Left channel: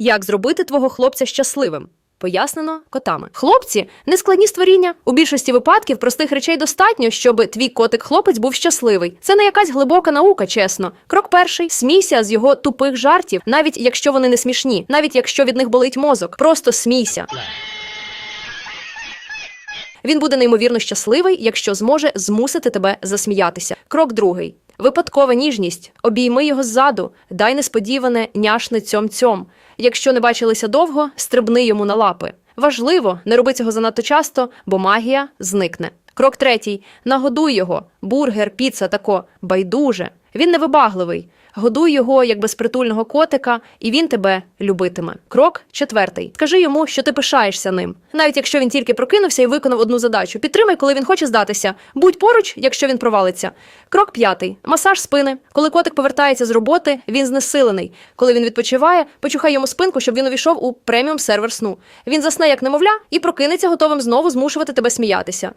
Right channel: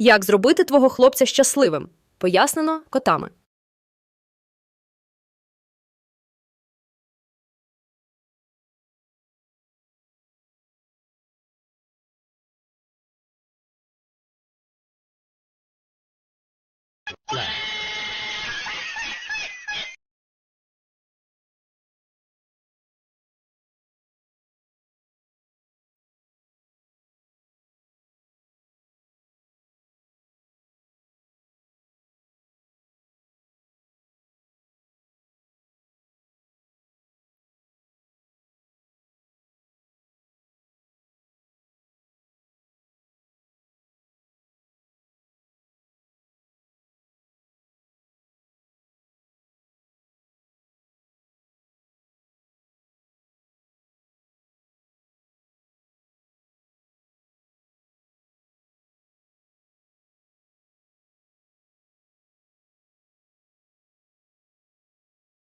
Як зробити твого хлопця щасливим? Пояснено котами. Хлопці нескладні створіння. У більшості випадків простих речей достатньо, щоб твій котик-хлопець був щасливий. Це не якась глибока наука, чесно. Крок перший: смійся з його тупих жартів, навіть якщо вони не смішні, навіть якщо від них болить мозок. Просто смійся. Він буде неймовірно щасливий, якщо зможе змусити тебе засміятися. Крок другий. Випадкова ніжність. Обійми його ззаду, дай несподіване няшне цьом-цьом. Якщо не бачилися довго, стрибни йому на лапи. Важливо, не роби цього занадто часто, бо магія зникне. Крок третій. Нагодуй його. Бургер, піца тако. Байдуже. Він невибагливий. Годуй його як безпритульного котика, і він тебе любитиме. Крок четвертий. Скажи йому, що ти пишаєшся ним. Навіть якщо він тільки прокинувся і виконав одну задачу. Підтримай, коли він хоче здатися. Будь поруч, якщо він провалиться. Крок п'ятий. Масаж спини. Коли котик повертається з роботи, він знесилений. Коли він відпочиває, почухай йому спинку, щоб він увійшов у преміум сервер сну. Він засне як немовля і прокинеться, готовим знову змушувати тебе сміятися.